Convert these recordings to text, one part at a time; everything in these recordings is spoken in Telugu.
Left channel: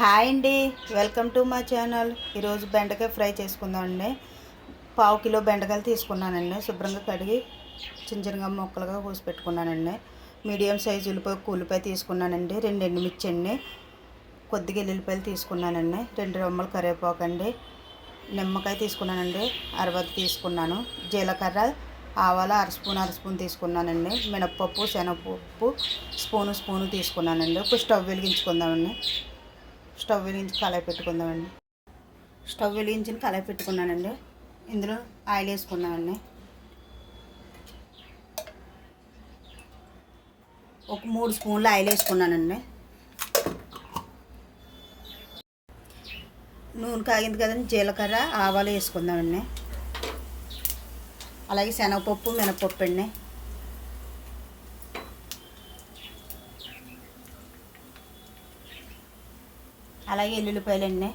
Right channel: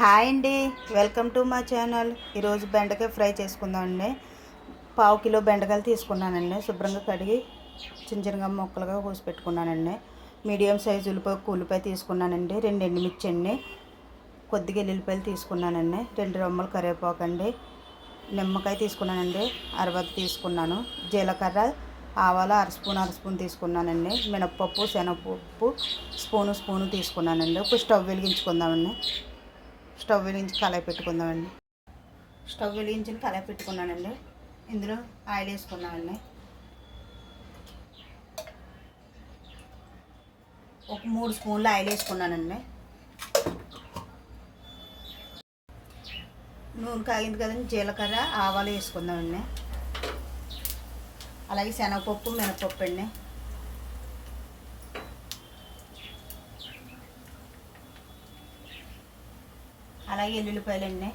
హాయ్ అండి, వెల్కమ్ టు మా ఛానల్. ఈరోజు బెండకాయ ఫ్రై చేసుకుందామండి. పావు కిలో బెండకాయలు తీసుకున్నానండి. శుభ్రంగా కడిగి చిన్న చిన్నగా ముక్కలుగా కోసి పెట్టుకున్నానండి. మీడియం సైజు ఉల్లిపాయ తీసుకున్నానండి. 2 ఎండుమిర్చి అండి, కొద్దిగా ఎల్లుల్లిపాయలు తీసుకున్నానండి. 2 రెమ్మలు కరివేపాకు అండి, నిమ్మకాయ తీసుకున్నానండి, అరవది తీసుకున్నాను. జీలకర్ర ఆవాలు అర స్పూన్ తీసుకున్నానండి. మినప్పప్పు శనగపప్పు స్పూను తీసుకున్నానండి. ఇప్పుడు స్టవ్ వెలిగించుకుందామండి. స్టవ్ వెలిగించి కళాయి పెట్టుకుందామండి. స్టవ్ వెలిగించి కళాయి పెట్టుకున్నానండి. ఇందులో ఆయిల్ వేసుకున్నామండి. ఒక 3 స్పూన్లు ఆయిల్ వేసుకున్నానండి. నూనె కాగింది కదండి, జీలకర్ర ఆవాలు వేసుకుందామండి. అలాగే శనగపప్పు మినపప్పు అండి. అలాగే ఎల్లుల్లిపాయలు అండి,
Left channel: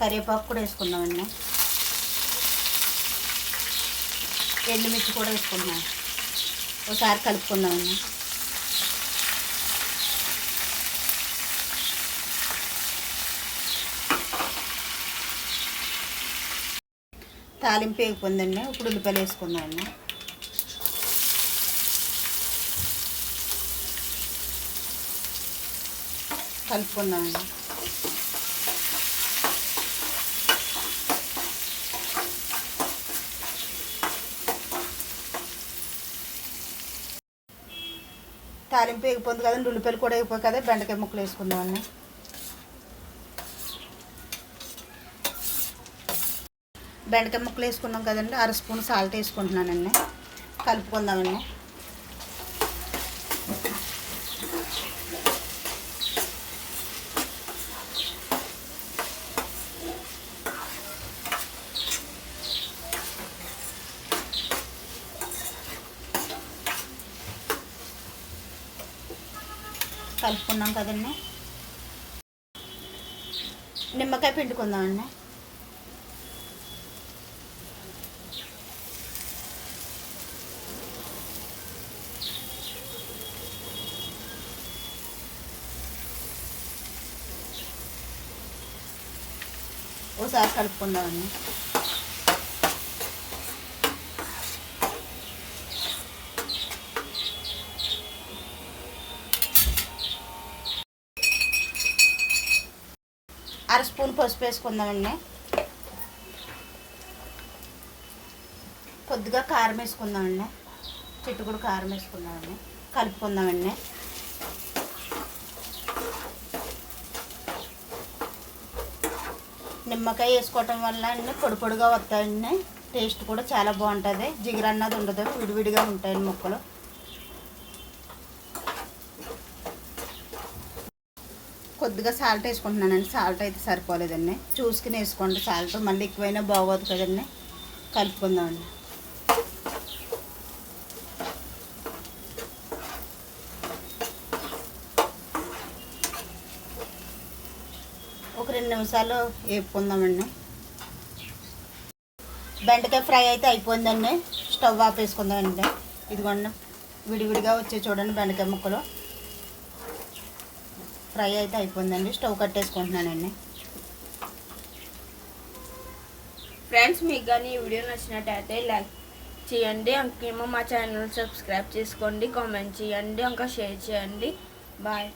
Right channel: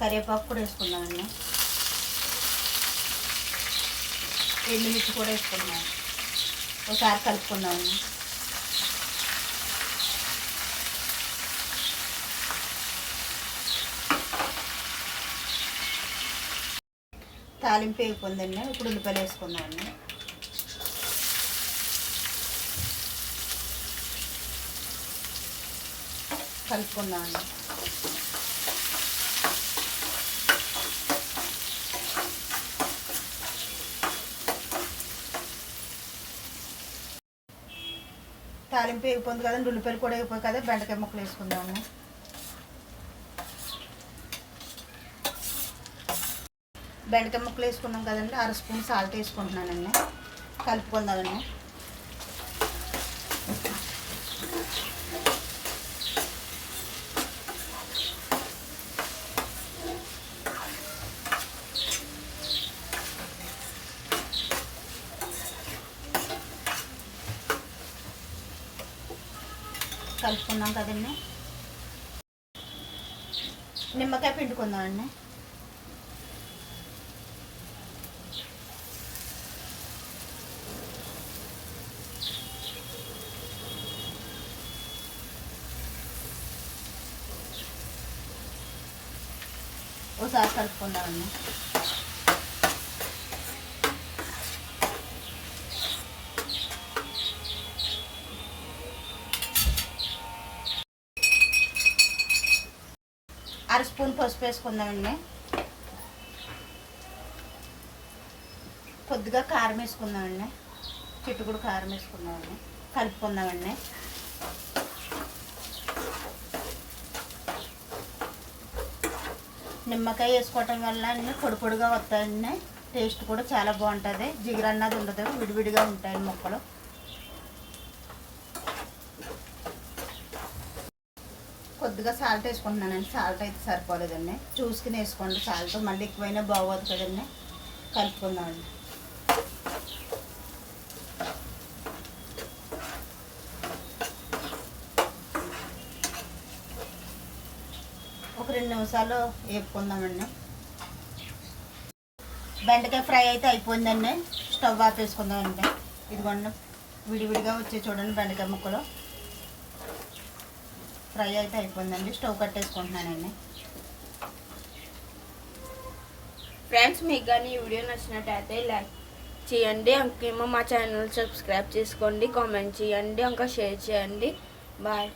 కరివేపాకు కూడా వేసుకుందామండి. ఎండుమిర్చి కూడా వేసుకున్నాం. ఒకసారి కలుపుకుందామండి. తాలింపు వేగిపోయిందండి. ఇప్పుడు ఉల్లిపాయలు వేసుకుందామండి. కలుపుకుందామండి. తాలింపు వేగిపోయింది కదండి, ఉల్లిపాయలు కూడా వేగిపోయి కదా, బెండకాయ ముక్కలు వేసుకుందామండి. బెండకాయ ముక్కలు వేసుకున్నాం కదండి, అర స్పూన్ సాల్ట్ వేసుకుంటున్నానండి. కలుపుకుందామండి. కలుపుకున్నాం కదండి, నిమ్మకాయ పిండుకుందామండి. ఒకసారి కలుపుకుందామండి. అర స్పూన్ పసుపు వేసుకుందామండి. కొద్దిగా కారం వేసుకుందామండి. చిట్టుకుడు కారం వేసుకుందామండి. కలుపుకుందామండి. నిమ్మకాయ వేసుకోవటం వల్ల అన్నీ పొడి పొడిగా వస్తాయండి. టేస్ట్ కూడా చాలా బాగుంటుంది. జిగురు అన్నది ఉండదు, విడివిడిగా ఉంటాయి ముక్కలు. కొద్దిగా సాల్ట్ వేసుకుంటున్నానండి. సాల్ట్ అయితే సరిపోలేదండి, చూసుకుని వేసుకోండి. సాల్ట్ మళ్ళీ ఎక్కువైనా బాగోదు కదండి. కలుపుకుందామండి. ఒక 2 నిమిషాలు వేపుకుందామండి. బెండకాయ ఫ్రై అయితే అయిపోయిందండి. స్టవ్ ఆపేసుకుందామండి. ఇదిగోండి, విడివిడిగా వచ్చే చూడండి బెండకాయ ముక్కలు. ఫ్రై అయితే అయిపోయిందండి. స్టవ్ కట్టేసుకుంటున్నానండి. ఫ్రెండ్స్, మీకు కానీ ఈ వీడియో నచ్చినట్టయితే లైక్ చేయండి. ఇంకేమో మా ఛానల్ సబ్స్క్రైబ్ చేసుకోండి, కామెంట్ చేయండి, ఇంకా షేర్ చేయండి. బాయ్.